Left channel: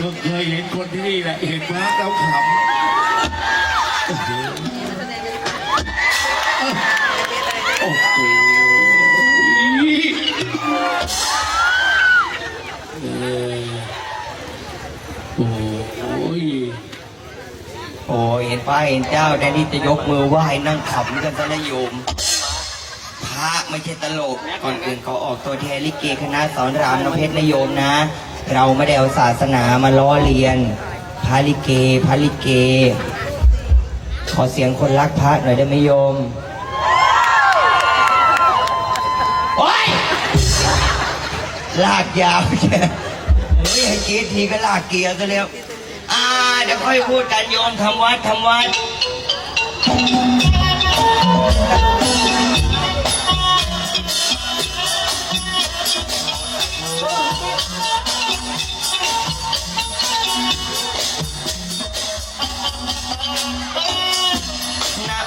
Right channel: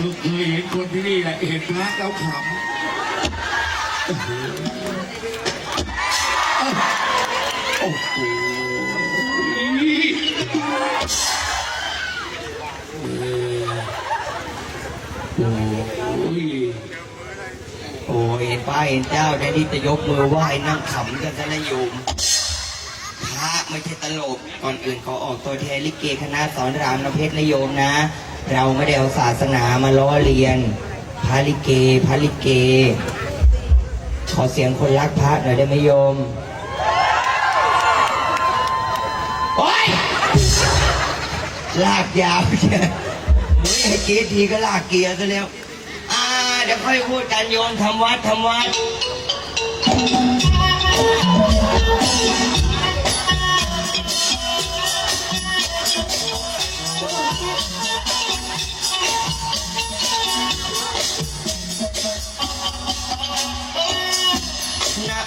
เคยเห็นคนที่นี่แหละเห็นพระแล้วขำโอ้โหโอ้โหโอ้ยโอ้ยเห็นป้าเห็นเจ้าแทนที่จะยกมือไหว้นั่งขำกันซะนะโยมพระไม่ใช่ตลกก่อนอื่นขอออกตัวแทนลิเกคณะสอนรามน้ำเพชรนโยมนะ เราไม่ได้เอาศาสนามาล้อเลียนพระลิเกพระลิเก ขอเสียงคนรักพระหน่อยได้ไหมโยมโอ๊ยลากยาวเชียวนี่ให้กรีดทีก็ลากเกียร์ซะแล้วอ่าเดี๋ยวค่อยพูดกันโยมทำวัดทำวัด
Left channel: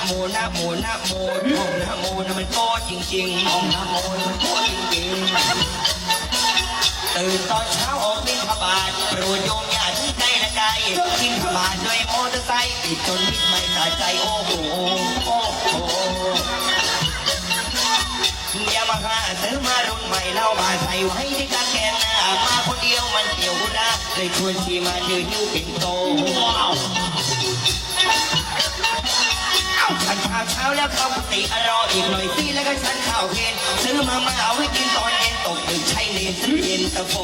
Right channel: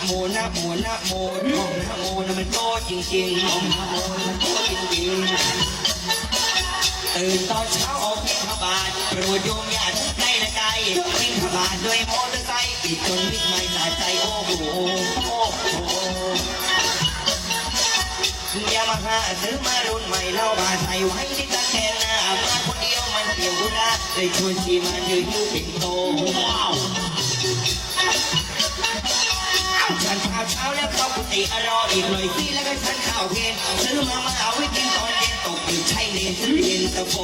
โมนะโมนะโมท่องนะโมนะมันโตจริงๆท่องนะโมนะมันโตจริงๆตื่นตอนเช้าออกบิณฑบาตโปรดโยมอย่าทิ้งใจละใจบิณฑบาตด้วยมอเตอร์ไซค์ติดจนมิดไม่สะใจโอ้โหโอ้โหยามาฮ่าซื้อมารุ่นใหม่แล้วมาใส่ไว้ที่กางเกงหน้ามาคนเดียวมันเกี่ยวกุนะได้ชวนชีมายืนยิ้วปิ่นโต ฉันข้าวเช้าแล้วเข้าปกติอรออีกหน่อยสิแล้วก็ฉันข้าวเพลนซื้อมามาเอาไว้กินตอนเย็นตกตื่นใช้เลนเย็นตะโฟ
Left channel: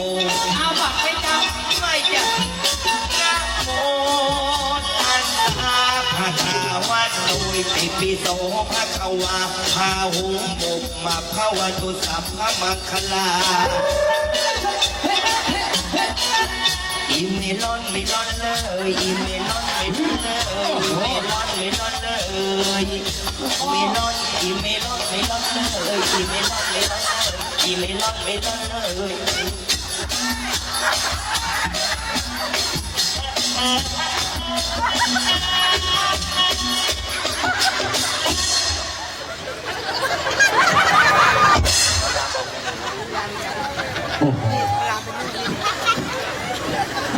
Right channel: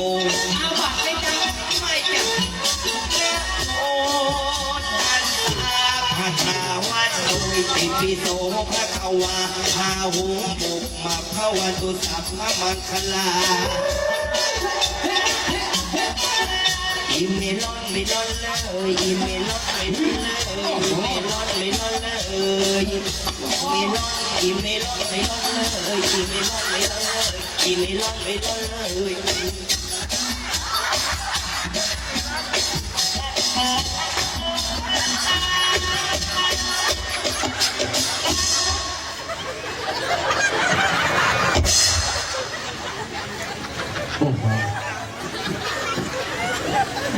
เอาบัตรไปทำไม่จะนะโมตัสสะภะคะวะโดยตอิปิโสภะคะวะพาหุบุกมาภะวันตุสัพพะมังคลาอีเมลอนไม่ลอนเลยอีเมลอนเลยอีเมลอนไม่ลอนเลยอีเมลอนเลยอีเมลอนไม่ลอนเลยอีเมลอน ไม่ลอนเลย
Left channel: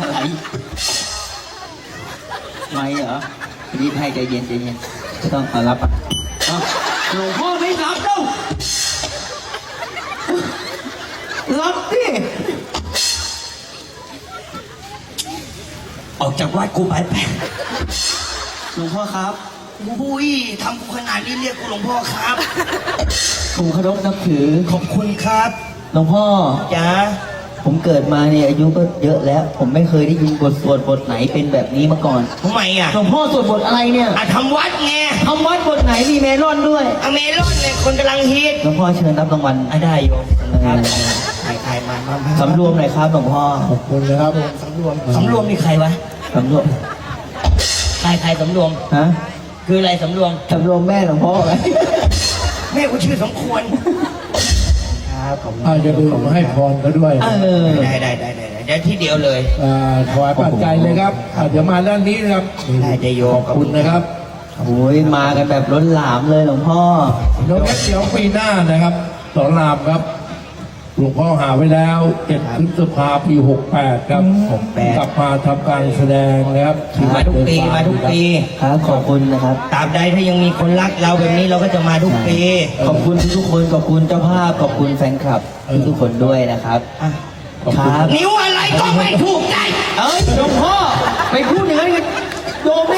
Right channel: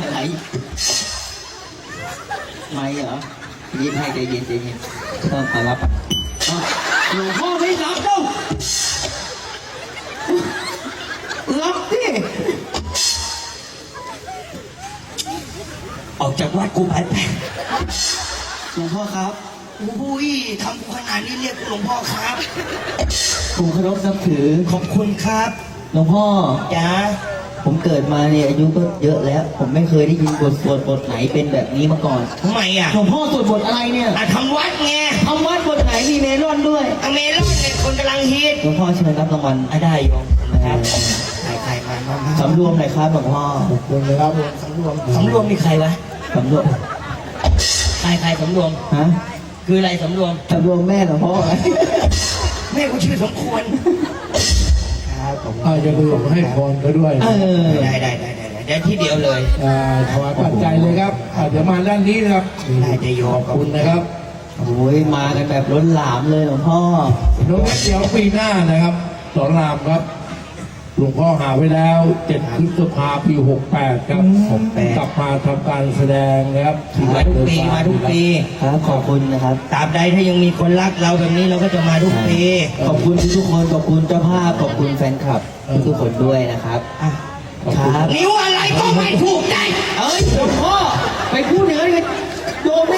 อะไรไม่เหรอรีบให้ใจเย็นใจเย็น ต้องขอรับอะอ้าวหลวงพ่อไม่รับต้องรับดิออกจากวัดกูไปไปหลวงพ่อครับ อุ้ยทำกูขนาดนี้เรียกกูหลวงพ่อครับ ผมเคารพนับถือ ขอบคุณครับหลวงพ่อ จ้าผมเกิดมาเนี่ยอายุก็เยอะแล้ว ผมไม่เคยได้ยินบทสวดบทไหนเป็นแบบนี้มาก่อน ทำไมอะหลวงพ่อสวดบทอะไรเนี่ย อะทำวัดไงทำวัดบทไห นมีเมลอนด้วยอเมรอนเนี่ยคนกำลังฮิตหลวงพ่อเชิญรับรางวัลอะได้โยมเออใครใครมาบ้างสำรวมหน่อยครับหลวงพ่อขอบคุณนะครับสำรวมสำรวมมีใครวะสำรวมใครใครสำรวมฮะคืออะไรสำรวมสำรวมแม่หลวงพ่อไหมแม่กูชื่อสมควรครับผมอาจะดูให้พรเขาด้วยเออได้ได้ได้ได้เดี๋ยวที่เดียวเลยอ่าถวายปัจจัยเลยครับอ่าเดี๋ยวมาด้านนี้นะครับได้จะโยขมอบคุณนะครับ โอ้ยมากันแบบล้นหลามเลยหลวงพ่อ รถเดี๋ยวปีหน้านะครับสอนรามครับ หลวงพ่อหาไว้แล้วเจ็ดพฤษภาปีหกแปดครับ68 กลับมาทำการแสดงนะครับมาทุกปีมาทุกปี ครับขอบคุณนะครับ ตราบใดถ้ายังมีคนรักเราแบบนี้เราก็จะมาทุกปีขอบคุณทุกๆคนขอบคุณเจ้าภาพขอบคุณแฟนคลับทุกๆคนด้วยนะครับอะครับ นิ้วอะไรก็ไม่ถูกใจ เอ้ยหลวงพ่อไปพูดอย่างนั้นกับ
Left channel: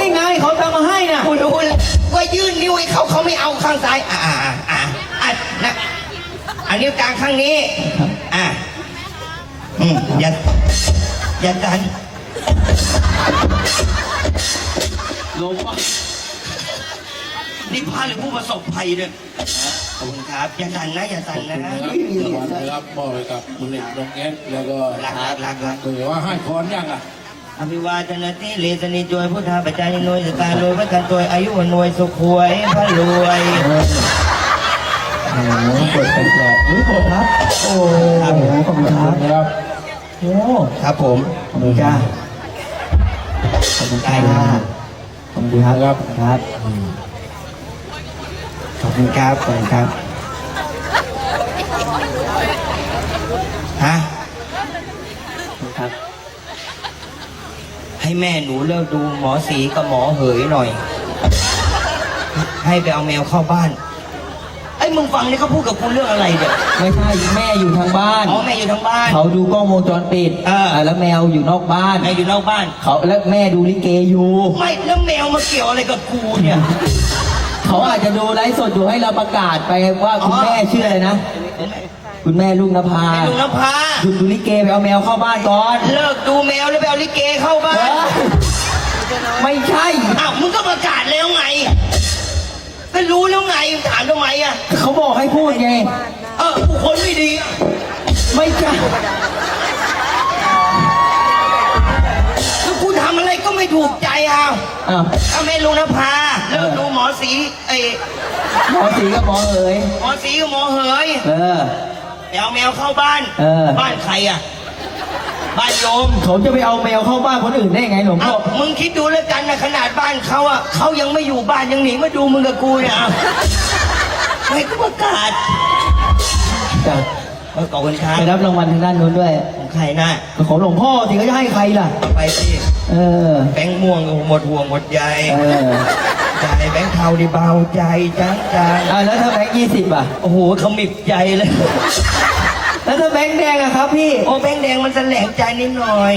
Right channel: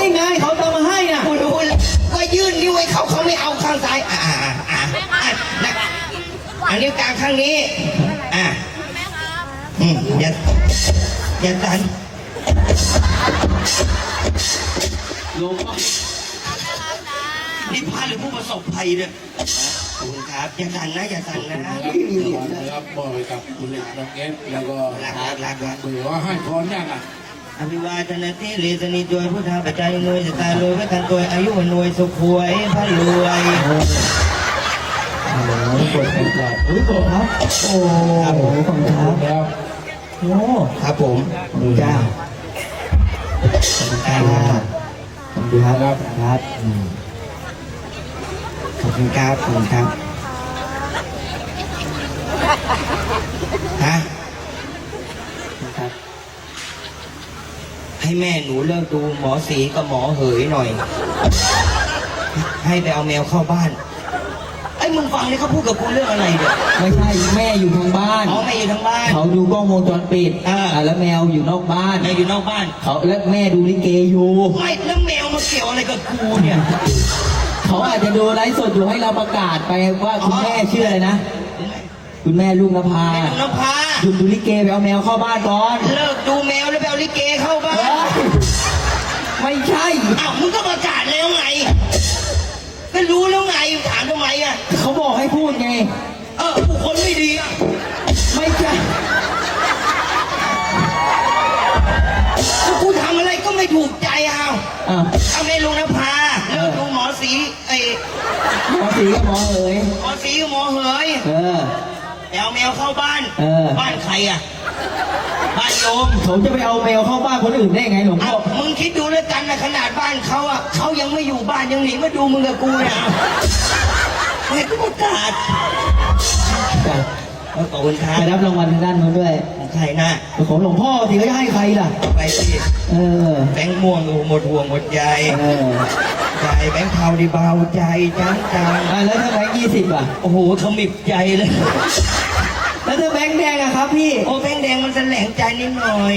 โยมได้ไงเขาจะมาให้น่ะกูดูเลยว่ายื่นนิ้วให้เขาเขาไม่เอาข้างซ้าย อ่าอ่าอ่าอ่านะอันนิ้วกลางข้างนี้ อ่าอืมอย่าอย่าดันหลวงพ่อนี่พระหรือผู้ประสบภัยเนี่ยขอบคุณครับอย่าดันนะอย่าดันนะนะครับมอบให้กับคุณเอกน้องเอสแล้วก็รักรักรักรักเผื่อว่าให้พรยังอะ อภิวาทนาทีเลสนิจวยพุทธาปัจจายนวยสตาโรยพระทันจวยอายุวันนวยสุขวยพระรวยโอ้โหกดกดกดอุ้ยกดครับโอ้โหขอบคุณครับครับโอ้ครับผมขอบคุณจ้าขอบคุณค่ะขอบคุณครับครับขอบคุณครับขอบคุณครับฮะ ขอบคุณครับ ให้แม่หนูเลิกดูหมอสีกับหมอเหยหน่อย ให้ไปเอาแมวเข้าบ้าน ไอ้มึงฟังนี่เขาพูดกับกูเรื่องอะไรเนี่ยไม่ใช่แม่อยู่ทางบ้านอ๋อแม่อยู่ทั้งบ้าน เขาดูกล้องวงจรปิดอ่าอ่าแล้วแมวอยู่นอกบ้าน แม่อยู่นอกบ้าน เขาและแม่ดูลิเกอยู่ ไม่แล้วแมวมาเกี่ยวอะไรกับกูเนี่ย เขาอาจจะดูไลฟ์สดอยู่ให้เราประกาศไปว่าคุณอ๋อแม่ชื่ออะไรนะผม คุณแม่ลูกนภาแม่ลุงนภาหยุดดูลิเกไปเอาแมวเข้าบ้านก่อน เลิกดูแมวแล้วไปเอาลิเกเข้าบ้าเอ้นยไม่ใช่ อ้าวมึงก็ประกาศแล้วไงก็รู้แล้วไงถามทำไมอะ เขาบอกให้พูดไง เออกูคนไม่ดีอะไม่ใช่กูทำอะไรก็ไม่ถูกใจเอาอ้าวเอาแม่ลุงนภาเลิกดูหมอสีไอ้หมอสีกับหมอเอ๋ยหมอสีกับหมอเหย เออไป เอาแมวเข้าบ้าน เออ บ้านใครอะ บ้านโยมเขาจะไปเอาแมวเข้าบ้านคนอื่นได้ไงหลวงพ่อ้าอวมึงคิดดูแล้วกันนะขนาดบ้านเขาอะเขายังไม่อยู่บ้านยังหนีมาดูมึงกับกูเนี่ยให้กูประกาศจ้ะเออขอบคุณครัไปบรับรางวัลทางด้านนู้นด้วย ของใครนะของหลวงพ่อสิก็จะให้ใครล่ะ ไปสิเออ แบงค์ม่วงหมดห่วงหมดใย เออ ใจแบงค์เทาดีเบาใจจังจังอะแล้วถ้าแบงค์ยี่สิบอะ โอ้โหเขามิบใจเลย แล้วถ้าแบงค์แดงอะครับพี่ โอ้แบงค์แดงมันแสลงใจนิดหน่อย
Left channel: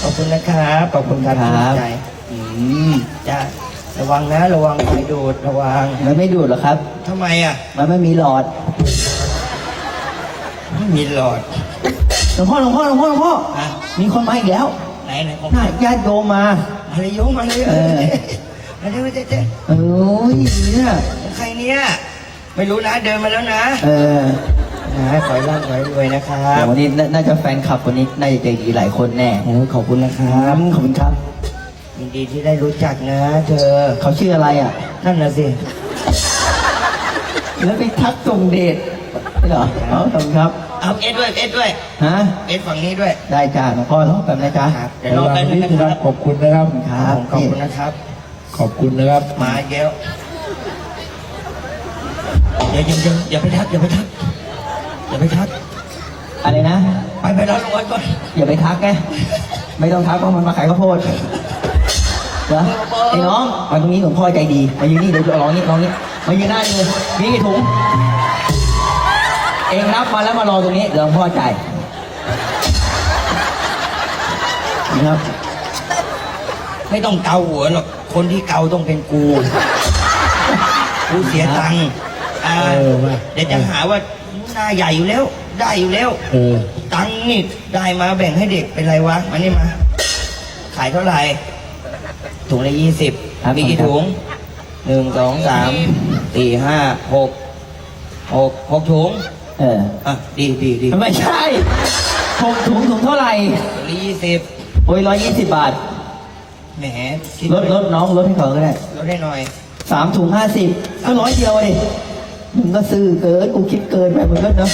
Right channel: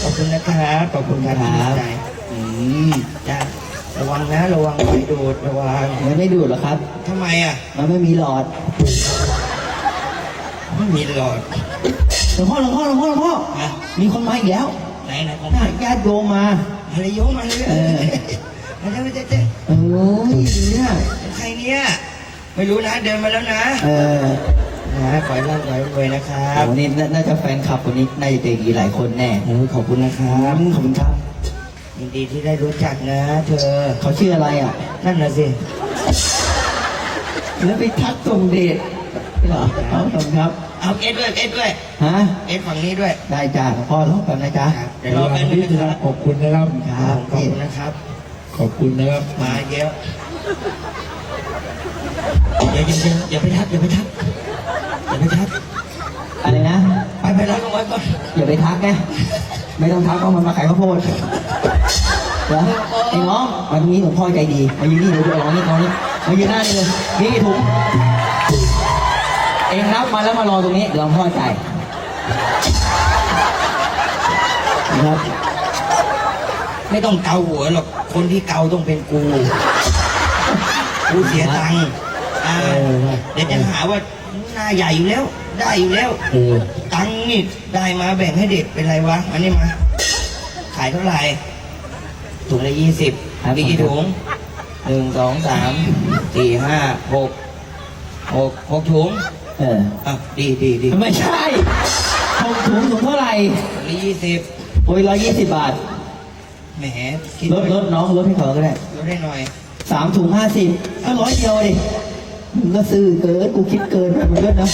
ขอบคุณนะครับขอบคุณครับครับใจอืมจ้าระวังนะ ระวังไฟดูดระวังมันไม่ดูดหรอกครับ ทำไมอะ มันไม่มีหลอดไม่มีหลอดหลวงพ่อหลวงพ่อหลวงพ่อหลวงพ่ออะมีคนมาอีกแล้วไหนไหนของน่าญาติโยมมา มาเลยโยมมาเลยเออ มาเลยเจ๊เจ๊เอ้ยดีเนี่ยใครเนี่ย ไม่รู้นะเดินมาแล้วนะ เออนะขอให้ร่ำขอให้รวยนะครับวันนี้น่าน่าจะแฟนคลับคนนี้น่าจะใจดีหลายคนแน่โอ้ยขอบคุณนะครับขอบคุณครับยินดีที่ได้รู้จักนะ เธอเขาชื่ออะไรอะ นั่นน่ะสิแล้วไปทักส่งเดชไม่เหรอเอาขอบคุณครับเอาเอ็ดด้วยเอ็ดด้วยฮะเอ็ดฝั่งนี้ด้วยได้จ้าหลวงพ่อรอแป๊บนะจ๊ะเดี๋ยวรอแป๊บนึงนิดนะนะคครัรับบขอบคุณนะครับครับขอบคุณนะครับ ขอบคุณนะครับ มาเยอะอย่าอย่าอย่าอย่าไปทักอย่าไปทักอย่าไปทักอะไรนะ ไปไปรับรางวัลก่อนอย่าไปทักนะไม่ต้องทักเพราะมันมาขายข้าวโพดเหรอไอ้น้องวันนี้หลวงพ่อใจดีมายืนนี่เดี๋ยวจะร้องนี่ร้องนี่มายืนหน้านี่เลยนี่กี่ถุงเองนับมาแล้วมารอตรงนี้เดี๋ยวหลวงพ่อจ่ายนะครับ ไม่ต้องเกาหัวหรอกคนที่เกาต้องเป็นกู กูเสียตังค์อ่าเออว่ะเดี๋ยวจะหาว่าหน้าใหญ่อยู่แล้ว ได้อยู่แล้ว เออตังค์นี่ได้มาแบ่งให้เด็กเป็นไรวะมานี่มา ขายเท่าไหร่ ถุงละยี่สิบมีกี่ถุงหนึ่งสองสามสี่ห้าหกหกหกถุงเอออะดีดีดีไม่ใช่หกถุงถุงเท่าไหร่ถุงละยี่สิบโอ้ยร้อยยี่สิบบาท แหมคิดลดลดน้องลดให้เขาก็ได้ลดให้หน่อยสามถุงห้าสิบก็ร้อยเดียวดิมึงก็ซื้อเกินกูคิดเกินไปมึงก็เนาะ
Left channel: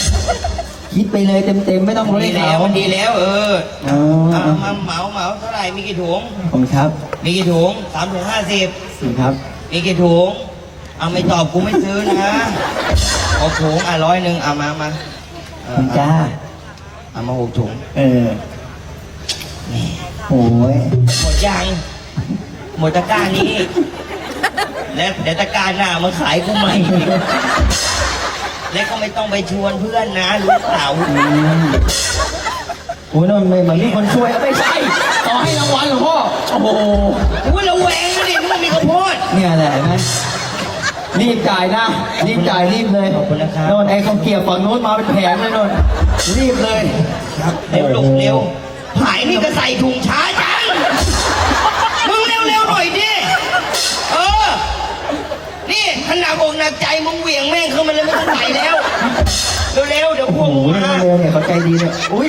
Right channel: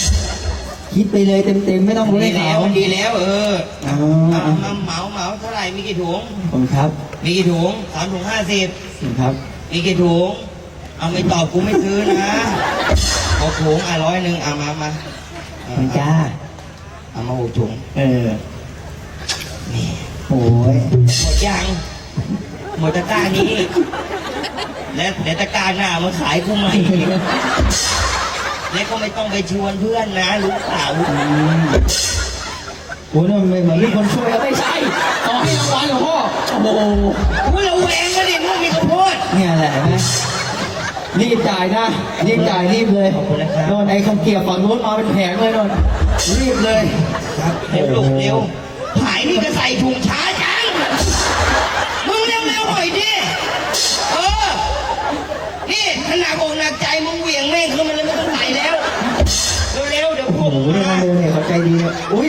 คิดไปเลยเต็มเต็มๆไม่ต้องรู้ดีให้แล้เขาวมันดีแล้ว เอออ๋อเอามาเหมาเหมาเท่าไหร่มีกี่ถุง ขอบคุณครับมีกี่ถุงสามถุงห้าสิบขอบคุณครับ มีกี่ถุง เอาไม่ตอบกูไม่ซื้อนะหกถุงอะร้อยหนึ่งเอามามาเอขอบอคุณจ้า เอามาหกถุงเออ โอ้ยหมดยัง หมดตะกร้านี้ แล้วเดี๋ยวตะกร้าหน้ามาขายกูใหม่แล้วก็ไม่ต้องไปชวนเพื่อนนะรู้เปล่าอืมโอ้ยนั่นไม่เหมือนมีคนช่วยแล้วไม่ใช่ขอให้รางวัลหลวงพ่อโอ้โหอุ้ยเราแหวงนะเนี่ยไม่มีข้าวโพดเนี่ยแหละนะรีบจ่ายนะรีบจ่ายรีบเลยขอบคุณนะครับ โดนไอ้ข้าวเกรียบฝั่งโน้นมาเป็นแผงเลยโดนรีบเลย ครับเร็วลูกเร็วหายนี่ก็ใส่ถุงช้า ร็วๆเดี๋ยวพวโอ้กโหมึงเรือมาเรือเนี่ยเขาใจดีเนี่ยอุ้ย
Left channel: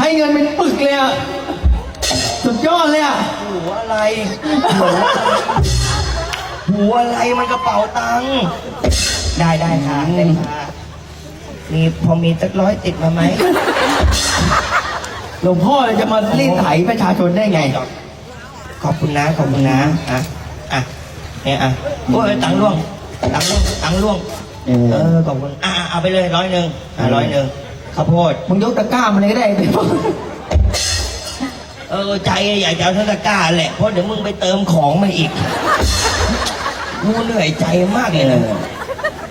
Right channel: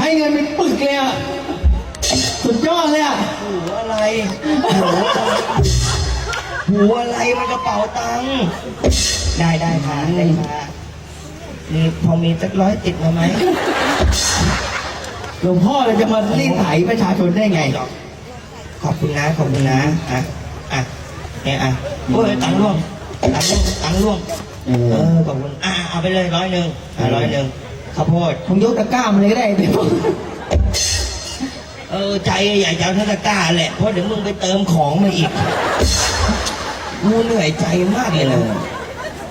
ให้เงินเป็นปึกเลยอะสุดยอดเลยอะหัวอะไรหัวหัวอะไรมันกระเป๋าตังค์ได้ได้ค่ะได้ค่ะมีพอมีสักร้อยติดมาไหมหลวงพ่อจะมารีดไถประชาชนได้ไง ขอบคุณนะขอบคุณนะอะอะเนี่ยอะโอ้ยตังค์ร่วงตังค์ร่วงตังค์ร่วง เออ เออขอบคุณอะอะเอาไปเลยร้อยหนึ่งอะร้อยหนึ่งข้าวโพด มึงยกตะกร้ามาเลยก็ได้เดี๋ยวเออใจอยากจะเอาเทศกาลแหละ เพราะเดี๋ยวมึงไปเติมของมาอีกกูเหนื่อยใจมากเลยนะ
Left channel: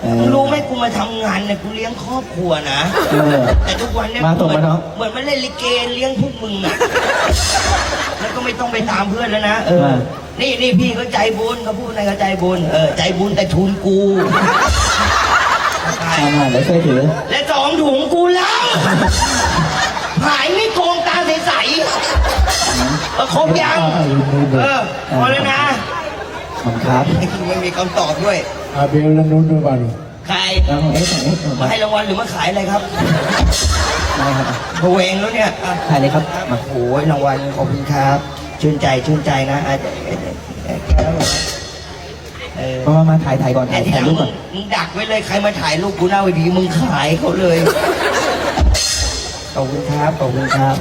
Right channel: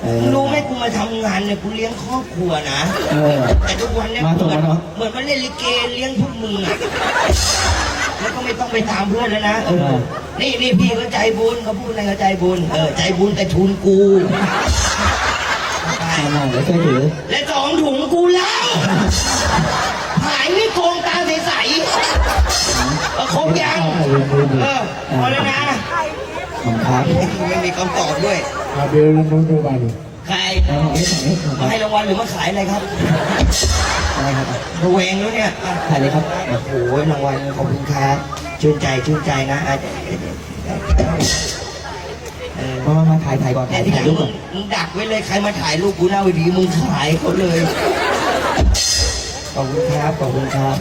เออ รู้ไหมกูมาทำงานเนี่ยกูเลี้ยงครอบครัวนะเออ แต่ทุกวันเนี่ยมาส่งเหมาเนอะ เหมือนมันเล่นลิเกเลี้ยงพวกมึงอะแล้วก็ไม่ต้องไปตามเพื่อนแล้วนะเออ นี่นี่พี่ก็ใจบุญเขาพูดอะไรก็ใจบุญเออใจบุญแต่ทุนกู อ่าเดี๋ยวช่วยถือและสองถุงกูแล้ว หายนี่โกงตาใสๆประคบยัง เออพอแล้วนะขอบคุณครับไม่มีคำตอบด้วยอาเบลและนู้นด้วยกันใครแล้วผมให้ถ่ายรูปหน่อยคมารับให้รางวัลหรือมาขายอะไรครับได้ครับระเวงแล้วเนี่ยอะถ่ายเลยครับโอ้โหรางวัลขอบคุณครับ ชื่นใจชื่นใจนะอะเออ มามามาถ่ายถ่ายก่อนไอ้ถ่ายที่ถ่ายรูปก่อนมึงดักไว้เลยใครมาถ่ายรูปกูหน้าเวทีมึงขายเขาเลยขอบคุณครับขอบคุณครับ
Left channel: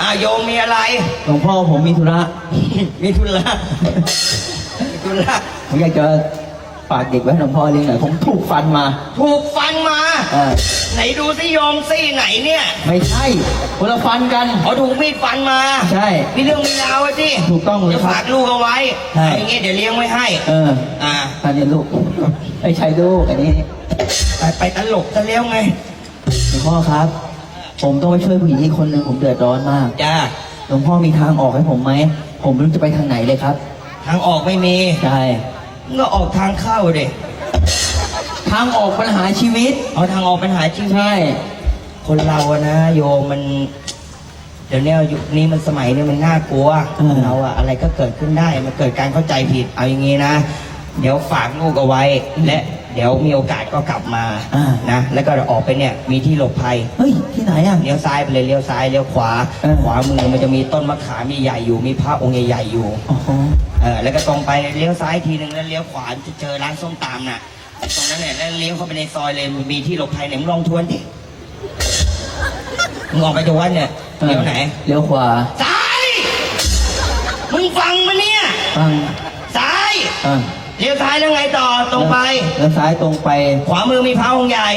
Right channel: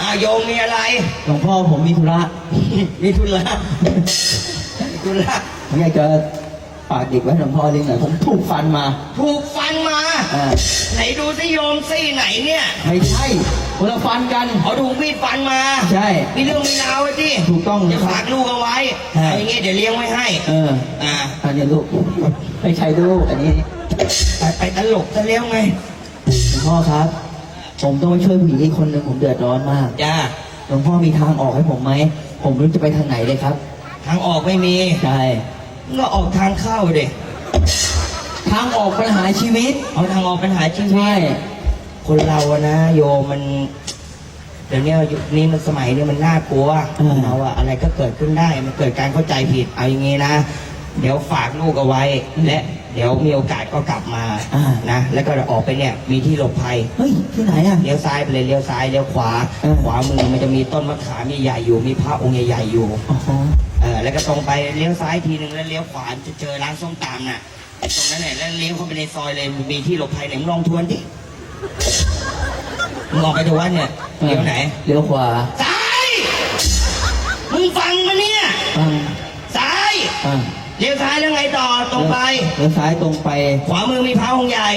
อะโยมมีอะไร หลวงพ่อผมมีธุระ มีธุระ มีธุระ ผมอยากจะ ฝากเด็กไว้ให้หลวงพ่อเลี้ยงหน่อยผมถูกฟันมาถูกฟันมา อ่าไหนดูสิโยมซี่ไหนเนี่ยไม่ใช่คนละฟันกัน เขาถูกมีดฟันมาใช่ มีเรื่องมีราวไอ้ที่ถูกต้องเลยครับฝากลูกเอาไว้ใช่ เอาอย่างงี้เดี๋ยวเลี้ยงไว้ให้ เอออ่า อันนี้ลูกไม่ใช่ลูกอันนี้ไปไปตลกจะเลี้ยงไงหลวงพ่อครับ ผมต้องไปช่วยผู้หญิงอีกคนหนึ่งผมเดือดร้อนมากจ้าหลวงพ่อมีทางออกให้ผมไหมผมไม่รู้จะไปทางไหนเลยครับ ทางออกไม่มี ใช่ ก็ออกทางเข้าดิทางออกปัญหาชีวิต เอาทางออกปัญหาจริงใช่คนเราอะนะโยมมัน เดี๋ยวเนี้ยยุคนี้มันสมัยนี้มันน่ากลัวเราอะอะไรก็เกิดขึ้นได้มันเกิดการเข้าใจผิดเอาอย่างงี้นะ เดี๋ยวฝากลูกเอาไว้ และ เดี๋ยวมีโอกาสก็กลับมาอ่า นะ แล้วก็ออกไปเนี่ย มีที่หลบภัย เฮ้ย ที่ไหนอะ เลี้ยวซ้ายไปเลยเลี้ยวซ้ายเลี้ยวขวา เออ ขวามือมันจะมีต้นมะขามใหญ่ๆอยู่มีพระองค์ใหญ่ๆอยู่ อ๋อ เออแล้วก็ตรงไปเลี้ยวซ้ายทีนึงแล้วเลี้ยวขวาจะเจอร้านส้มตำน่ะตรงนั้นแหละแล้วเลี้ยวเข้าไปในซอยเลยมีที่หลบภัยเนี่ยมึงลองทวนดิมึงออกไปจากวัดเนี่ยเลี้ยวไหนเลี้ยวขวาซ้ายมึงฟังมาเนี่ยฟังซ้ายอะเลี้ยวซ้ายแล้วไงต่อตรงไปแล้วซ้ายตรงไป ขวามือมีพระองค์ใหญ่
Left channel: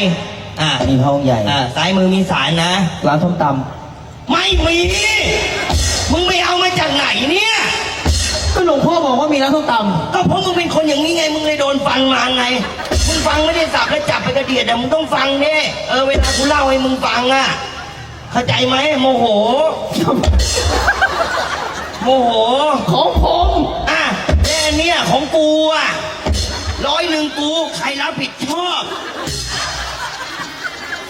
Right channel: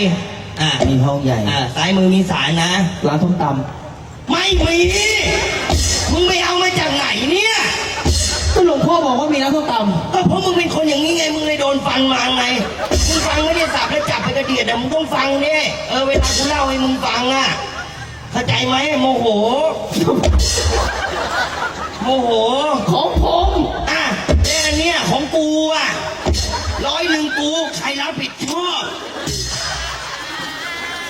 อ่ามีห้องใหญ่อ่าซ้ายมือมีศาลนะร้านส้มตไม่มีมึ ร้านส้มตก็เพราะมึงเป็นคนอย่างนี้ไง มึงเลยโดนฟันมาไง มึงฟังไม่ได้สับแล้วจับไปกระเดียดแต่มึงต้องฟังดิเออเวลากูเล่าให้มึงฟังอะเข้าใจไหมโมโห โมโหำของผมอะแล้วอันเนี้ยของกูอะร้อยหนึ่งกูใครรับผิดชอบ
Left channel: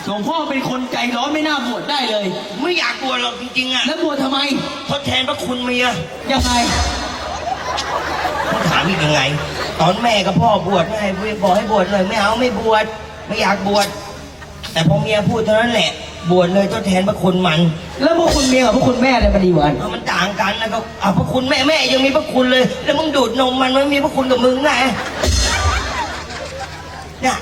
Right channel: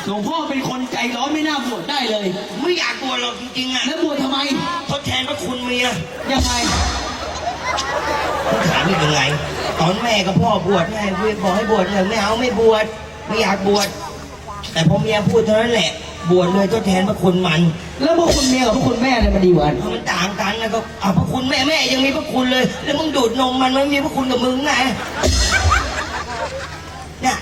หลวงพ่อเป็นคนใจร้อนไม่น่าบวชได้เลย ไม่อยากบวชหรอกจริงๆอะแล้วบวชทำไมทดแทนพระคุณเมียยังไง ถามนี่ยังไง ตอนแม่กับพ่อบวชแม่บอกให้บวชเลยไม่เอาไม่บวชไม่อยากบวชแต่พอเมียพูดเท่านั้นแหละ บวชเลยทดแทนพระคุณมัน แล้วพวกคุณเมียกับพวกคุณแม่เนี่ยมันดีกว่ากันเอามันต่างกันนะก็อะพระคุณแม่แม่ยังมีพระคุณเลย แล้วมึงดูดนมมันมันมีพระคุณกับมึงไงเนี่ย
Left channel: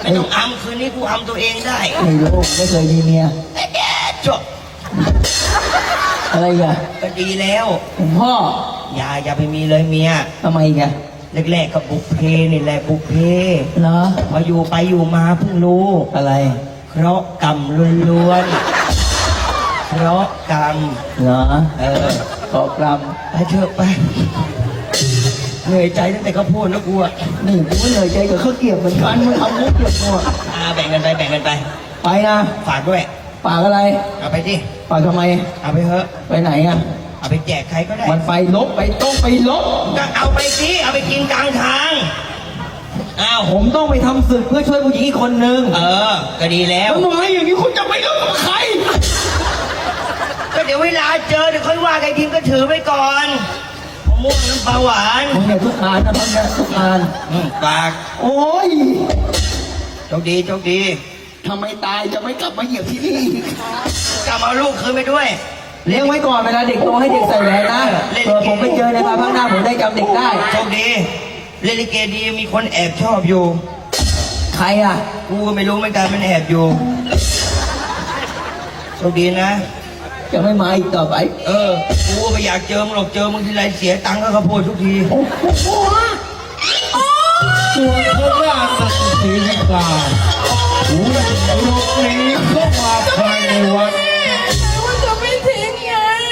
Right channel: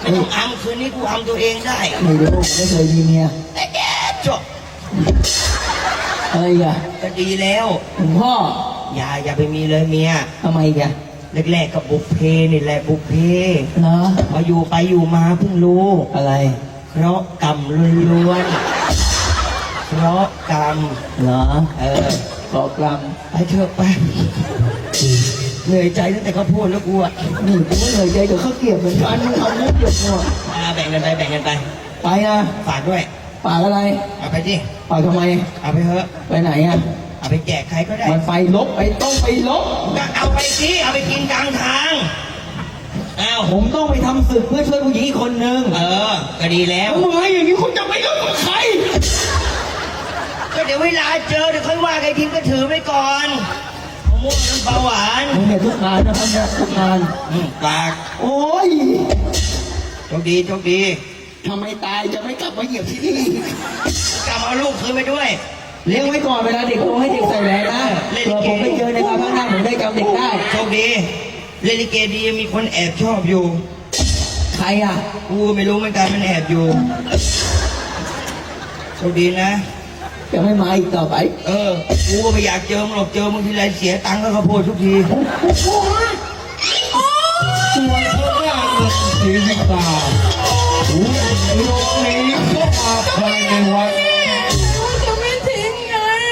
ไม่ต้องอัมคืนนี้กูอัมตัวเองได้ ไม่รู้ไม่เคยมีเมียแต่แดดจบ อะไรอีกันก็ดีแล้วหลวงพ่ออย่าอย่าไปมีเลยเมียทำไมอีกันแรกๆก็บุพเพนี่แหละบุพเพเหรอพออยู่ไปอยู่มาเพิ่งรู้อะไร เพราะกรรมล้วนๆเพราะกรรมเหรอเออเกาะกรรมไปเถอะไปเหนื่อยใจตั้งแต่เขาพูดแล้วกูอะหนูกูไม่เหนื่อยใจเดี๋ยวเขาเกลียดเหมือนกันมึงเอาเนื้อเกลียดหมดอ่าแบ่งกันไปแบ่งกันไป ไปนะฝากด้วย ปากอะไร เอาไปดิปากทำไม เอาไปเถอะ ไปไหนอะ เอาไปแจกใครก็ได้ มันไฟลบไปต้องไปลบก็เอาไปสิ เอาไปกินกลางทาง อ้าว ผมต้องไปทำศึกเพื่อช่วยผู้หญิงอีกคนนึงเออ ก็ดีแล้ว ทำไมอย่างนี้คุณจะไม่เลิกกับใคร ก็เดี๋ยวเวลาเจอเดี๋ยวค่อยว่าใครทีก็ถือไว้ก่อนมะม่วงน้ำปลาหวานผมเนี่ยทุกงานนะท่านนะทุกงาน อืมฝากโอ้ย โชคดีโชคดี ทำไมตายจะไม่กลับมาเหยียบที่นี่ กลับเอาลูกคืนไปด้วย เลี้ยงไว้ก่อนเวลาเด็กโตให้เด็กใส่แหวนนะเผื่อผมไปเจอในความข้างหน้าผมได้จำเด็กได้ โชคดีเล่นลิเกดีมีคนแอบชอบอยู่ ใครอะ กูก็ไม่รู้เหมือนกันมันแอบอยู่ โชคดีนะ จะไม่มาอีกต่อไป เออ กูก็ไม่อยากเจอมึงหรอกเจอมึงทีไรเสียตังค์ก็เขาพูดทุกทีส่วนพ วะจะไม่ทิ้งเลย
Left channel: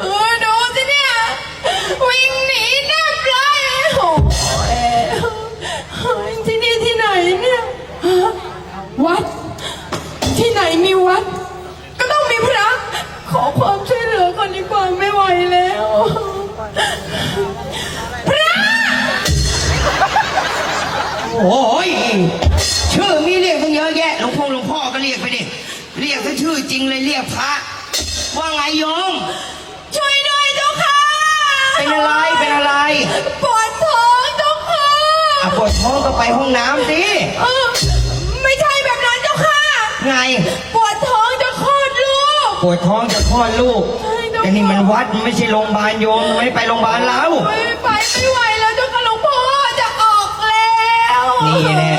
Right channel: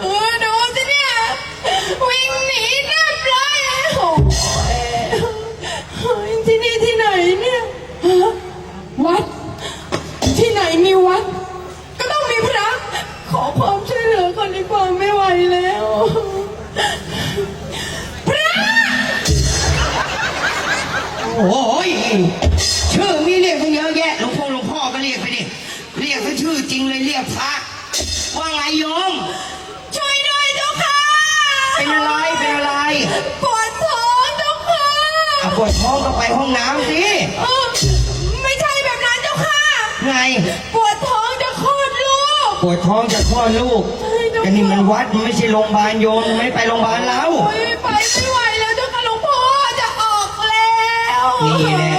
เออดูสิเนี่ยวิ่งหนีหน้าปลาโอ้ยที่นี่ที่ไหนเนี่ยวัด ที่ไหนมีวัด ก็ต้องมีพระ ขอความช่วยเหลือก่นดีกว่าไม่ องก็ไปห้องน้ำสิเออไม่ใช่แบบนั้นเจ้าค่ะ ไง ปวดท้องจะคลอดลูก ปวดท้องจะคลอดลูก แต่นี่มันวัดมันไม่ใช่โรงพยาบาลโยมไม่ไปโรงพยาบาลแล้ว โอ้ยไปไม่ไหวแล้วเจ้าค่ะหลวงพ่อจะออกแล้วนี่แหละ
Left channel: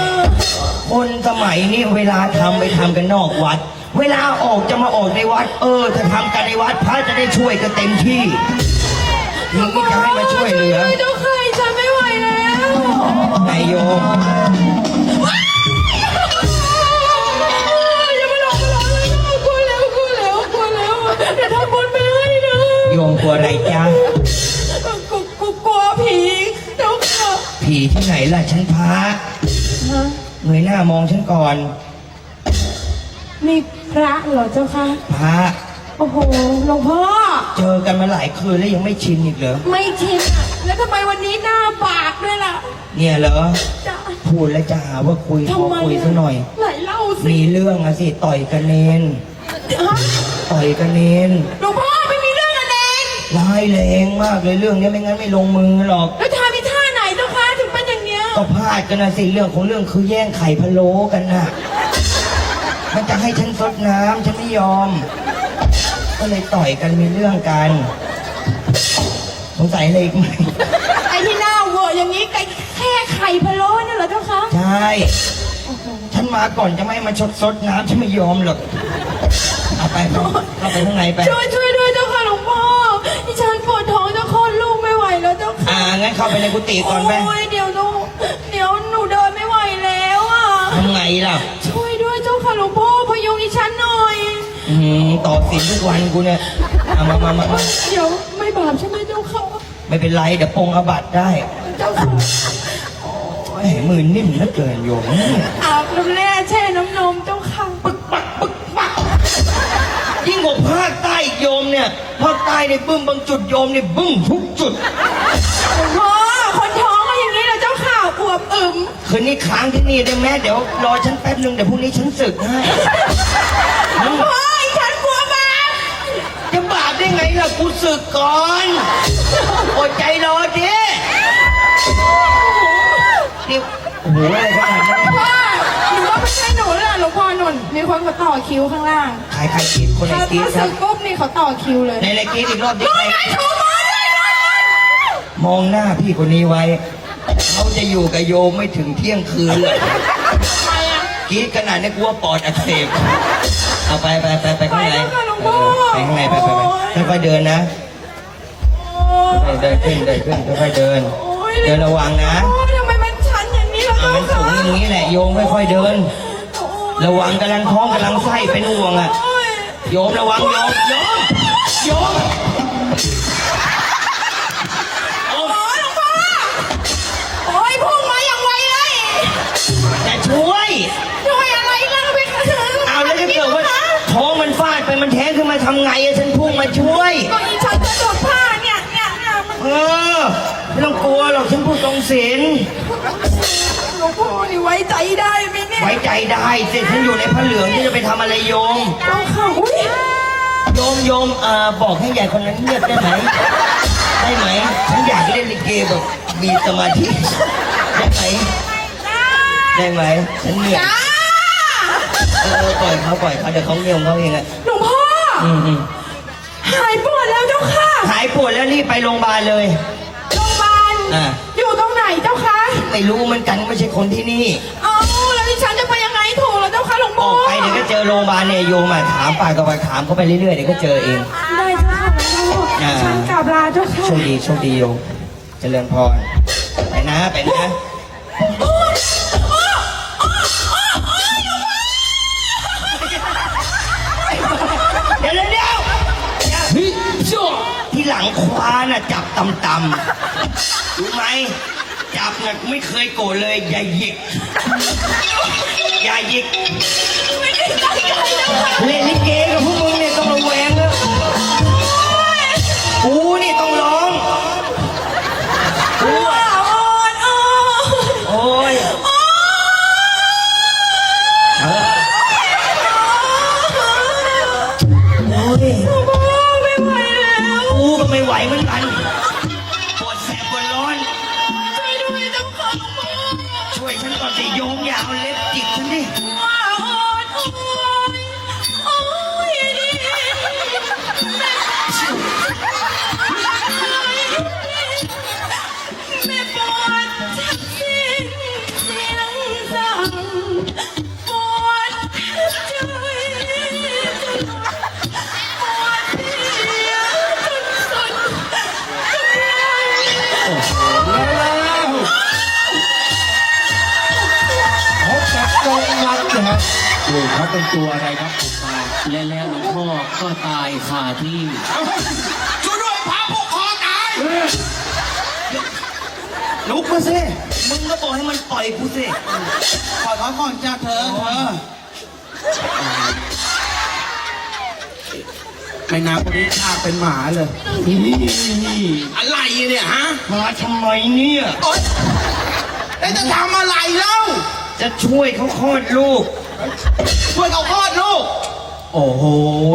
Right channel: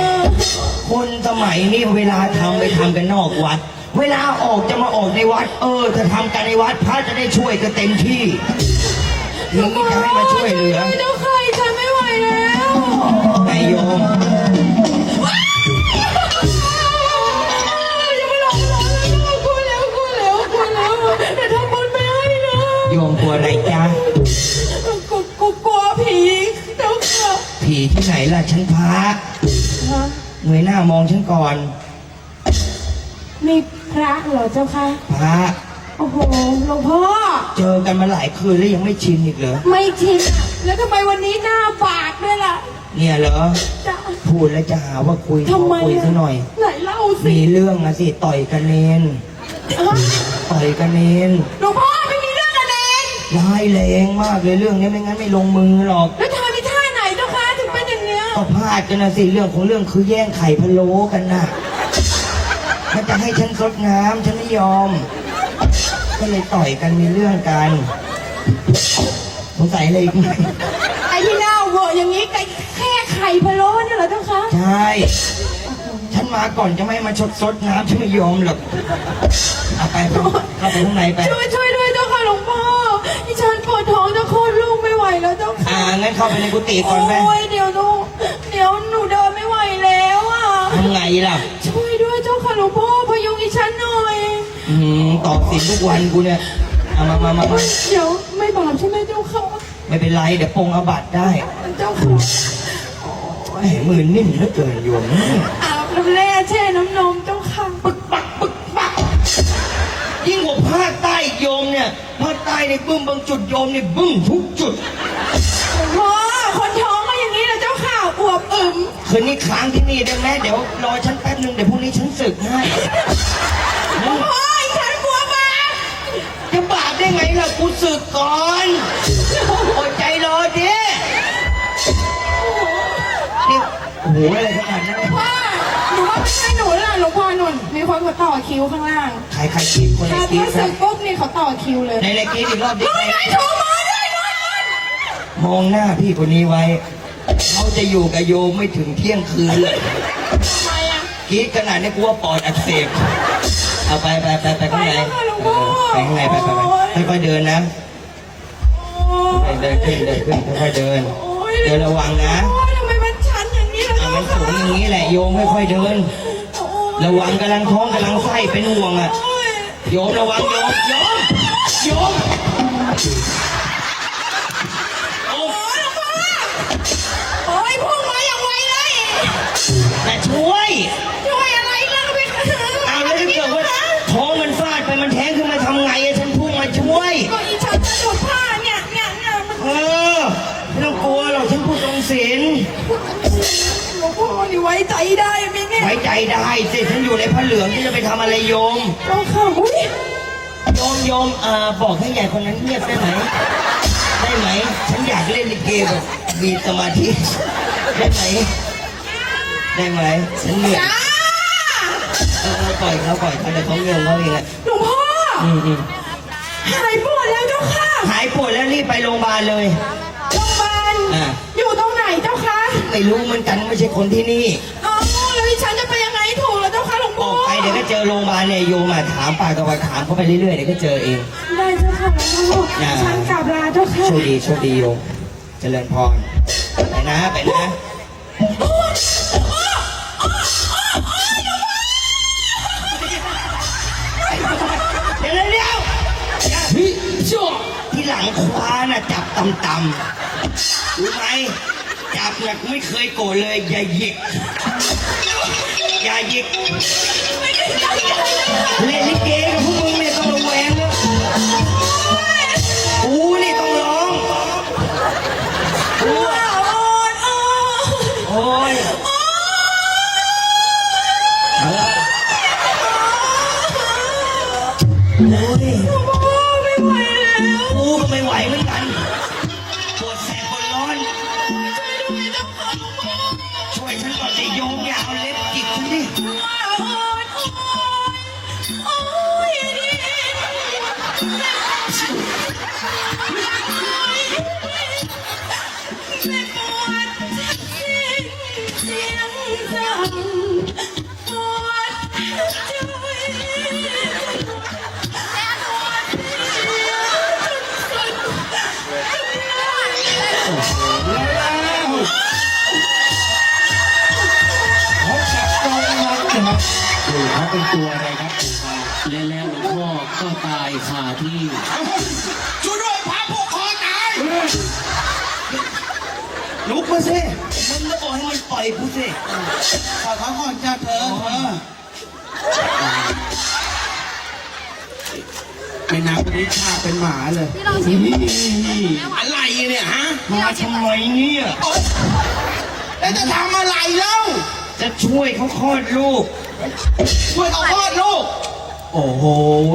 คนสมัยนี้เวลาทำไปทำกันนอกวัด เวลาออกจะมาออกในวัด เออถ้าทำกันในวัดพระจะได้ช่วยกันเต็มที่นี่ก็จะให้มาช่วยเหลือ เจ้า ไหนล่ะฉันพระฮะเงยหน้ามองฉันก่อน นี่พระเหรอเจ้าค่ะพระ โอ้โหหลวงพ่อ เจอกันมาหลายคืนแล้วยังไม่ชินอีกเหรอ ไม่ชินอะแล้วทำไมวันนี้หน้าบากด้วยล่ะเนี่ยเหรอ จะพูดแล้วจะหาว่าคุยขอทำไมคุยสักหน่อย ไหนเล่าสิมีเรื่องอะสิต่อยกันเนน ฮะต่อยกันเนนหลวงพ่อไม่มีเรื่องกันเองร้ายแรงมากเลยเรื่องนี้ไม่งั้นไม่ลงมือหรอก แล้วทาดกันนะสิเรื่องของเรื่องคือแย่งไข่พะโล้กันน่ะมันจะให้ฉันซดน้ำฉันไม่ยอม ก็เลยต่อยกันมีเรื่องกันสงสัยอะไรอีกไหมไอ้ที่หน้าเวอร์อย่างนี้แต่แค่ไข่พะโล้เนี่ยเหรอเจ้าคะใช่ฉันมาก่อนจะไม่ให้มาชดซดน้ำฉันไม่ยอมหรอกเอาไปเข้าไปข้างในไป ช่วยช่วยด้วยเจ้าค่ะหลวงพ่อที่ฉันปวดท้องจะคลอดลูกไม่ไหวแล้วเจ้าค่ะอ่างั้นเข้าไปในกุฏิก่อนไป โอ้ย เดี๋ยวหนูเดี๋ยวหนูเดินไม่ไหวแล้วอะ ทำไงล่ะช่วยด้วยเจ้าค่ะหลวงพ่อพยุงดิฉันหน่อย อืมตอบสินทุกวันกูเนี่ยเอามามามามาเดี๋ยวไม่บาปใช่ไหมเจ้าค่ะไม่เป็นไรเดี๋ยวปรงอาบัตได้เจ้าค่ะโอ้ยมือนิ่มเหลือเกินโยมอาบน้ำแร่แช่น้ำนมเจ้าค่ะยิ่งกว่าภาคใต้อีกโยมเนี่ยภาคใต้เนี่ยบึ้มบางจุดโยมเนี่ยบึ้มทุกจุด คืนนี้ค้างที่นี่ได้ไหมเดี๋ยวรอฉันแป๊บนึงเดี๋ยวพรุ่งนี้ฉันศึกให้หลวงพ่ออีฉันกลัวบาปจะบาปได้ไงล่ะกูศึกก่อนอดใจรอดินี่โอ้โหอะไรขนาดนั้นว่าหนูว่าไม่ใช่หนูล่ะหลวงพ่อหนุนมีคนเขาต่อคิวข้างล่างใครใครกินคนถ้าละกินถ้าคสึรับกปุ๊บนี่เขาต่อคิวเลยในรายกินอีกรอบดิมองไงถูกมองเลยมองมองหน้าพี่คนนี้ไว้ เขาจะอยู่กับโยมไม่ถึงเที่ยงคืนเลยทำไมอะกรีดขนาดนี้กลัวปอดอักเสบเอาไปไปไปไปข้างในไปแล้วค่ะหลวงพ่อไปข้างในไปไปไปค่อยๆเดินนะเดินขึ้นเดินขึ้นค่อยๆเดินโอ้ยเดินระวังนะโอ้ยทำไมมันชันอย่างนี้ล่ะอ่ามันสูงอย่างนี้แหละโยมค่อยๆเดินโอ้ยระวังกำลังท้องกำลังไส้เป็นห่วงอะโอ้ยโยมระวังโยมโยมโยม หลวงพ่อนี่ไว้ใจได้ไหมเนี่ยไว้ใจได้สิฉันอยู่ในพระเหลืองที่จะไปทำอะไรโยม เจ้าค่ะอุ้ยโยมโยมเอ่อบอกให้ใหญ่คนนั้นเงียบได้ไหมได้ไหมฉันอยากเล่นลิเกแบบมีสมาธิได้ไหมได้ไหมฉันเหนื่อยจ้าเออเออปล่อยเขาปล่อยเขาเดี๋ยวเขาเงียบเขาเองอะหลวงพ่ออืมอืมหายปวดแล้วเจ้าค่ะหายปวดแล้วรีบไปโรงพยาบาลเลยโรงพยาบาลอ่า ไม่รู้เหมือนกันไม่ใช่คนที่นี่ เอาแล้วดิฉันจะไปยังไงถูกแล้วเจ้าค่ะหลวงอพ่ออกไปเดี๋ยวก็เจอโรงพยาบาลเนี่ยโยมอะถามปากต่อปากถามเขาไปเรื่อยๆเดี๋ยวก็เจอเอง ได้เจ้าค่ะหลวงพ่ออ่า ฉันกลับลาเจ้าค่ะโชคดีโชคดีโยมเจริญพรไปนะ ไปนะเดี๋ยวเดี๋ยวเดี๋ยวเฮ้ยชั่วที่หลังควาน่ะจับตำตำๆรู้ไหม จับน่ะไม่เคยโกรธเลยอย่าหยิกอย่าหยิกเล่นลิเก ว่ เป็นตัวอะไรครับและแล้วหลวงพ่อก็ตายคาที่ช่วยด้วยพระผู้คอตายลุกมาสิมึงก็บอกให้มันปล่อยกูสิขอเขาก่อนจ้าเธอเออไอ้น้ำคนนี้ชาเป็นหมาเลยอะไรเนี่ยฮะ มาทำไมเนี่ยแล้วจะทำอะไรเล่า จะช่วยเขาคลอดลูก ช่วยเขาคลอดลูก โอ้โห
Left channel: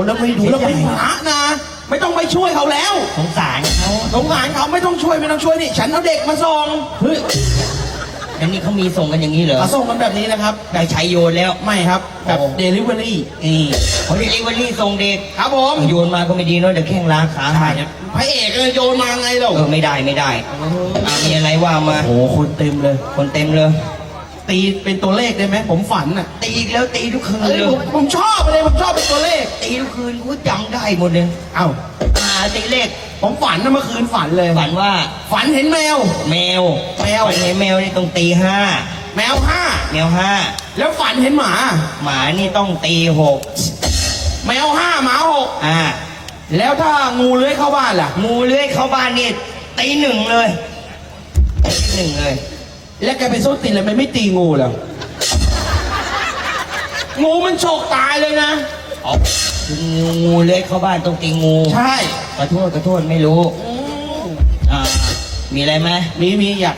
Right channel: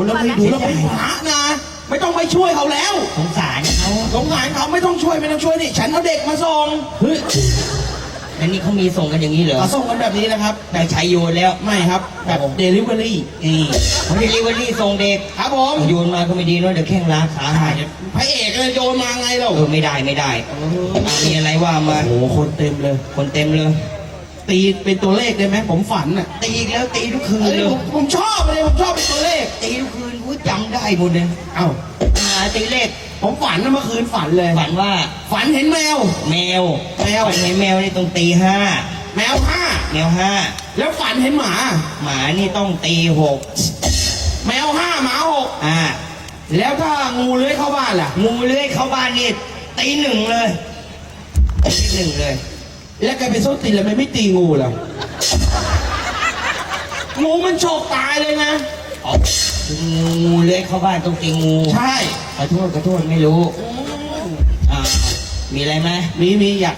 แล้วไม่ดีเราเป็นหมานะ ไม่ต้องไปช่วยเขาแล้วสงสารเขาสงสารเขาไม่ต้องช่วยไม่ต้องช่วยนี่ ฉันเอาเด็กมาส่งเฮ้ยอย่างนี้เขามีส่งกันอย่างนี้เหรอมาส่งกันแบบนี้นะครับ แบบชายโยนแล้วไม่ครับ แบบเดลิเวอรี่เออเขาเรียกว่ารีส่งเด็กครับผมโยนมาก็ไม่ดีเนอะเดี๋ยวแข้งราขาหักพระเอกเลยโยนมาไงเราเออไม่ได้ไม่ได้อะมีอะไรว่ามาโอ้โหคนเต็มเลย คนเต็มเลย ตีเป็นตัวเลขได้ไหมผมฝันอะตีอีกแล้วตีทุกคืนเอ้ยเลยผมผมชอบเลยผมชอบเป็นตัวเลข ตีทุกคืนกูจำได้หมดเลยเอ้าอ่าตีเลขผมฝันนะเมื่อคืนฝันเลย ฝันว่าฝันเห็นแมว แมวแมว ฝันเห็นแมวนี่ต้องตีห้าแมวห้าแมวห้าแล้วฝันเห็นหมา หมานี่ต้องตีหกแมวห้าหมาหกอ่าแล้วถ้างูเลื้อยเข้าบ้านล่ะ งูเลื้อยเข้าบ้านนี่ตีหนึ่งเลยตีหนึ่งเลย แล้วแกไปส้นตีนแล้วทำไมไม่ตีงูล่ะงูมันโฉกตายเลยนะเอางูงูเลื้อยเข้าบ้านต้องตีงูใช่ ขอโทษขอโทษไม่รู้อ่ามีอะไรไหมมีมีอยาก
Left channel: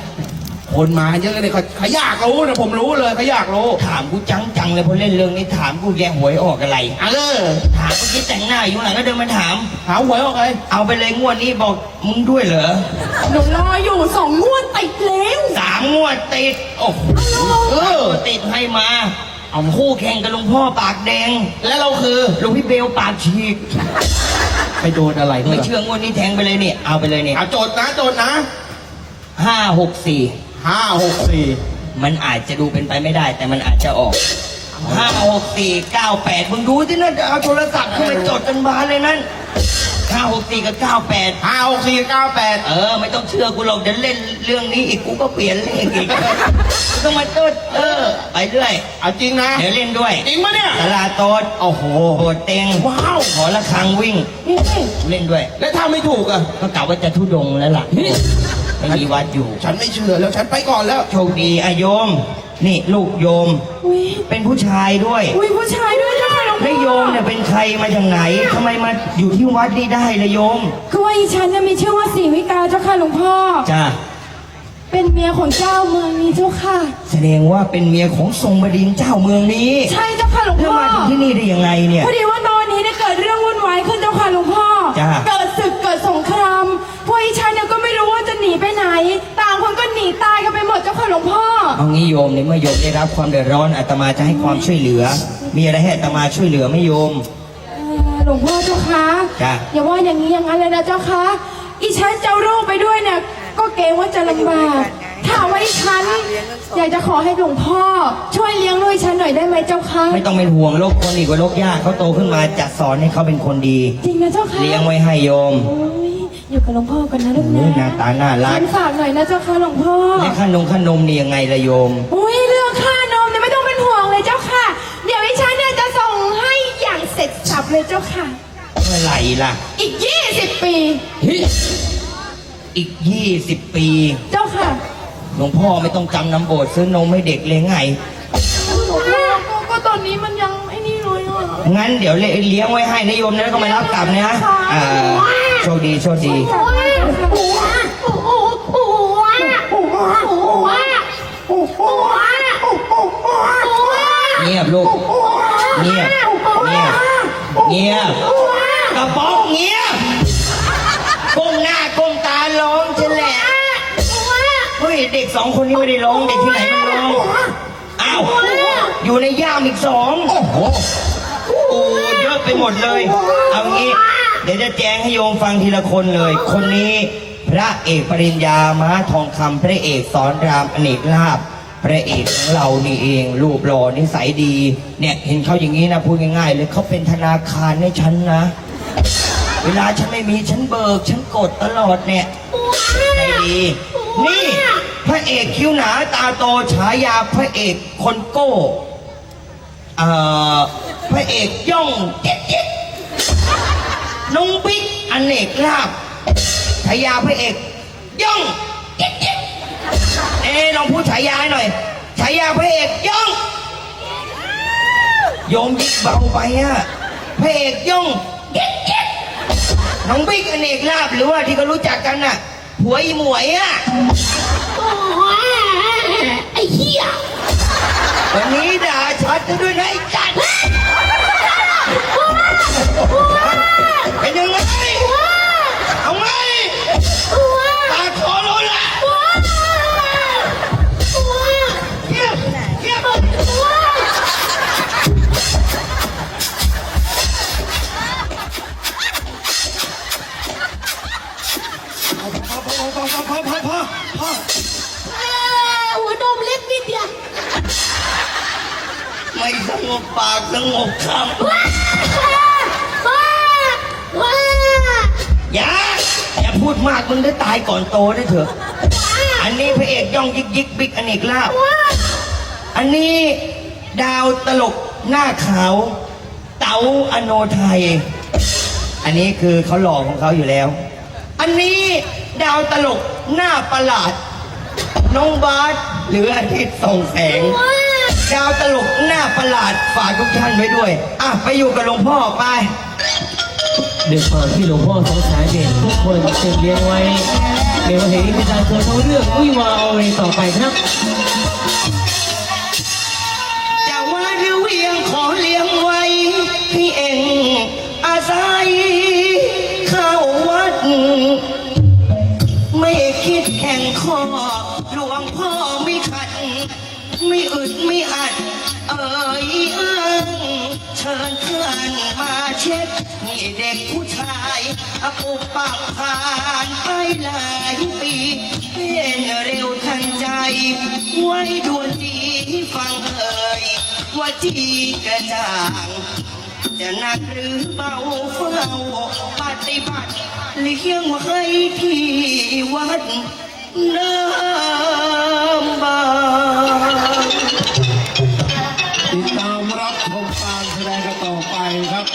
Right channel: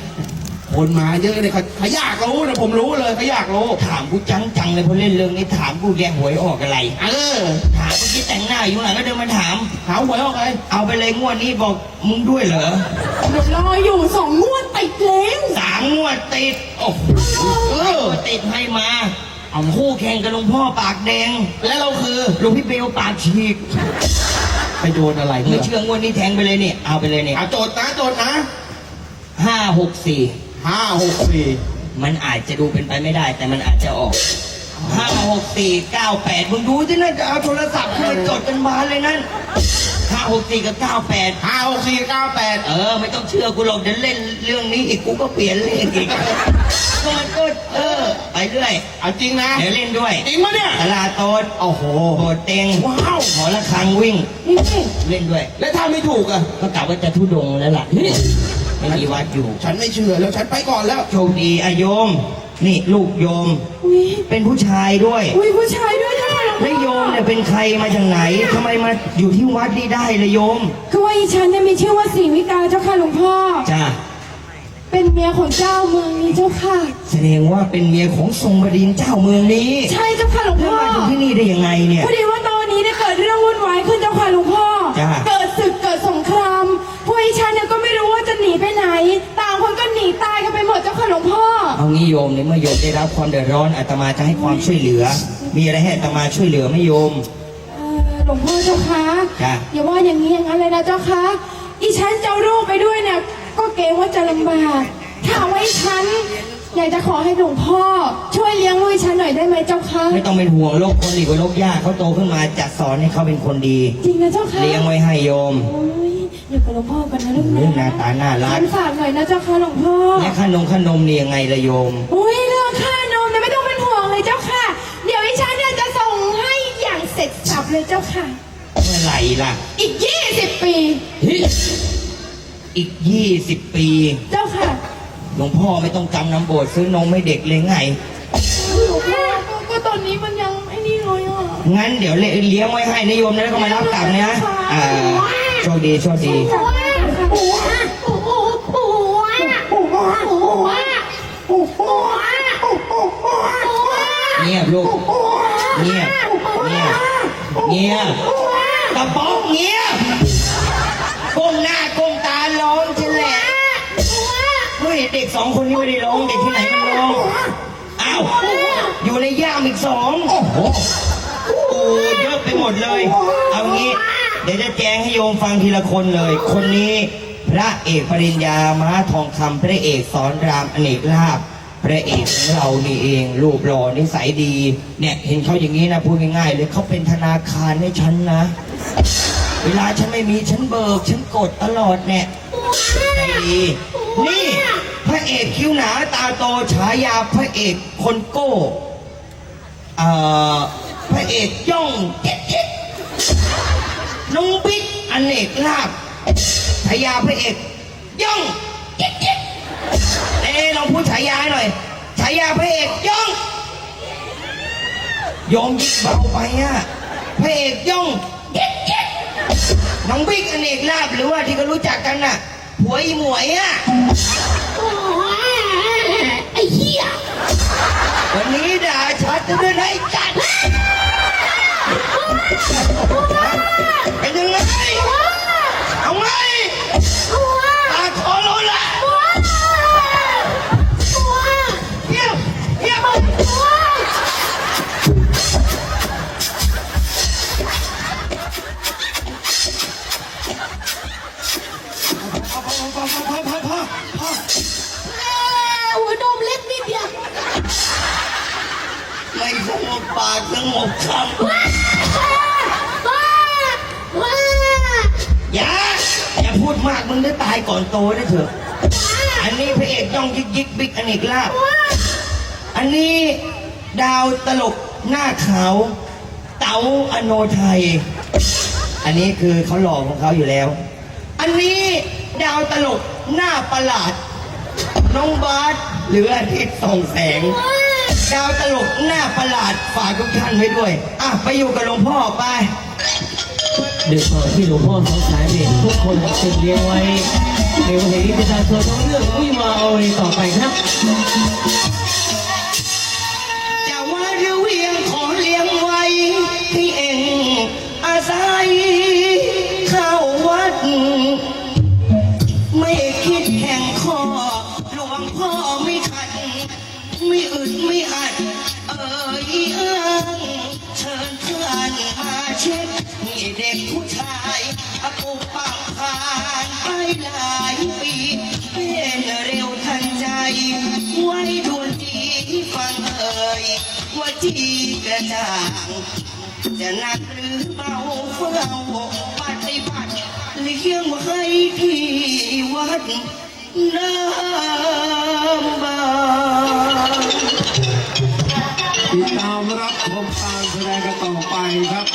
คนมาเยอะเลยเขาเขาอยากรู้นะผมรู้เลยเขาอยากรู้ ถามกูจังจังเลยพอเล่นเรื่องนี้ถามกูแกหวยออกอะไร เออ ถามกูที่แต่งหน้าอยู่หลังก็เดินมาถาม หาหวยออกเลยเอาไปเลยงวดนี้บอกมึงด้วยเหรอหนูรออยู่สองงวดติดแล้วสามงวดติด โอ้โหเออติดให้มาเอาคู่แข่งกับหลวงพ่อปากแดง แล้วเราคือหลวงพี่เบลปากฉีกไปโดนอะไรไม่เนี่ยเชื่องวดนี้แทงไปเลยเนี่ยเอาไปเลยเนี่ยเอาโจทย์นะโจทย์นะห้าหกสี่ ห้าหกสี่มันอาจจะดูเป็นไปไม่ได้ แต่มันอาจจะออกห้าหกสี่เก้าแปดมึงดูที่นั่นเอาโทรศัพท์ขึ้นมาจดกันบานเลยนั่นห้าหกสี่กับเก้าแปดห้าหกสี่เก้าแปดเออไม่ต้องเชื่อกูหรอกเดี๋ยวเล่นเรื่องนี้อีกกูก็เปลี่ยนเลขอีกต้องมาต้นเออ ไปเรื่อยเอาจริงนะเดี๋ยวเล่นด้วยจริงปะเนี่ยตลาดโตดโอ้โหโบดเต็งว้าวหอระฆังวิ่งเล่นด้วย แล้วถ้าไม่ถูกอะก็กล่าวว่าจะทุดงแล้วล่ะ ไม่มีวัดอยู่ ฉันไม่เชื่อแล้วฉันไปก่อนแล้ว โชคดีอะโยม นี่ลูกโยม อุ้ยเป็นผู้ชายด้วยอุ้ยผู้ชายด้วยนะคะหลวงแล้พ่วโยมเนี่ยเป็นใครมาจากไหนทำไมมาอยู่ที่วัดนี่ได้เลยโยม คือว่าอีฉันเนี่ยมีชื่อว่าศรีวิกาเจ้าค่ะหลวงพ่อ จ้าเป็นเมียของเจ้าเมืองนี้เจ้าค่ะ แสดงว่าเป็นเมียของทรงบดินทร์เจ้าเมืองนี้ใช่เจ้าค่ะหลวงแล้วพ่อ มาถึงที่นี่ได้ยังไงเนี่ย พอดีว่าตอนนี้ได้เกิดเรื่องวุ่นวายขึ้นเจ้าค่ะหลวงพ่อ ลวงพ่อ เอางี้โยมในเมื่อโยมได้รับความเดือดร้อนอาตมาจะให้ความช่วยเหลือ มีอะไรให้อาตมาช่วยเหลือไหมโยมเอ่อหลวงพ่อเจ้าคะจ้ะ อย่าว่าอย่างนี้อย่างนั้นเลยนะเจ้าคะอีฉันจะเอาลูกไปด้วยเนี่ยก็เกรงว่าจะลำบากถ้าว่าอีฉัน อยากจะขอให้หลวงพ่อ ช่วยเลี้ยงลูกอีฉันหน่อยได้ไหมเจ้าคะไม่ต้องเป็นห่วงโลกคนอีกว่าโลกยากเขาโตขึ้นมาจะสอนให้เขาเป็นคนดี จริงนะเจ้าคะเลี้ยงไว้ให้โยมโอ้ย อยู่กับหลวงพ่อกันนะลูกเฮ้ยหน้านะตาน่ารัฉักนฝากหน่อยนะเจ้าค่ะหลวงพ่อและขนมขนมนี่ยังไงละโยม อุ้ยเรื่องค่านมเนี่ยไม่ต้องเป็นห่วงเลยเจ้าค่ะ เดี๋ยวอีฉันเนี่ยจะส่งให้อย่างเสร็จสับเลยเจ้าค่ะ เมื่อไหร่ล่ะ อีกยี่สิบปีเฮ้ยอีกยี่สิบปี เจ้าค่ะหลวงพ่อไม่ต้องจำน้ำโบสถ์ซื้อนมให้เด็กเลยไง หลวงพ่อก็ตอนนี้มันยังไอ้นี่เลยอะงั้นเดี๋ยวเลี้ยงไว้ให้นิยมแล้วก็มารับกลับนะ อ่า โชคดีโชคดีเงียบลูกเงียบเงียบเงียบกระป๋องเงียบก้มหน้าก้มตาร้องฉันแหละเฮ้ยเด็กสองคนนี้ไม่ได้ร้องเด็กที่ไหนมันร้องอ้าาอยู่ในย่ามอีกสองโอ้โหโอ้เยอะไปหมดเลย เอางี้ เดี๋ยวจะแจ้งให้โยมฟังทีละคนเลย คนนี้พระเอกปริญญาม้าทองคำพระเอกสอนรามอเนกลาบพระเอกของเรานี่เองรูปหล่อนิสัยดี เนี่ยเห็นเขาอย่างนี้นะพูดง่ายๆเลยเขาเป็นธนาคารให้ฉันนะ เวลาฉันไม่มีฉันเบิก ฉันกดตลอดเนี่ยใจดีนี่พระเอกคิ้วหนาตาโตฉายาพระเอกคนโก้เอ่อพระเอกย่องเจ๊ก เจ๊กน้องบิ๊กอเนกลาบฉายาพระเอกย่องเจ๊กเจ๊กเอ้ลองพูดฉายาให้หน่อยฉายาพระเอกย่องโยมยิ่งเบาไปอะพระเอกย่องเจ๊กเจ๊กน้องบิ๊กอเนกลาบหรือว่าที่เขารู้จักกันน่ะหัวอีหมวยอะไอ้เหี้ยวันนี้ด่าชัดกันด้วยนะไอ้จัด Bring. โตด้วยเถอะ อันนี้พระเอกย่องยิกยิกบิ๊กอเนกลาบอันนี้ดาวตลกหน้าขาว เต๋าอโนไทย อันนี้คือเขาหล่อของเขาอยู่แล้ว อันนี้ดาวตลกหน้าประหลาด น้องบาสหรืออาทิตย์ส่องแสง ดาวตลกหน้าประหลาดฝากทุกท่านไว้ด้วย อะ ไปอยู่กับหลวงพ่อไป ด้วยความที่หลวงพ่อสงสารเด็กทุกคนจึงเลี้ยงไว้ ในวันนี้ประชาชนต้องเลือกวิวาเอาเองต่อไปครับจะว่าหรือเวียงขอเลี้ยงไว้ที่เองอาศัยเข้าวัด ไม่คิดแข่งข้อหลวงพ่อไม่ขัด ไม่อึดไม่อัด เอ่ยเอิงเชิญเพื่อนมาเช็คให้เด็กผู้ชายอปุกปากผ่า จีกระจ่างจะหนักหรือเบาเฝ้าปฏิบัติเลี้ยงไว้ที่วัดน้ำบางติดตามรับชมการแสดงกันต่อไปครับ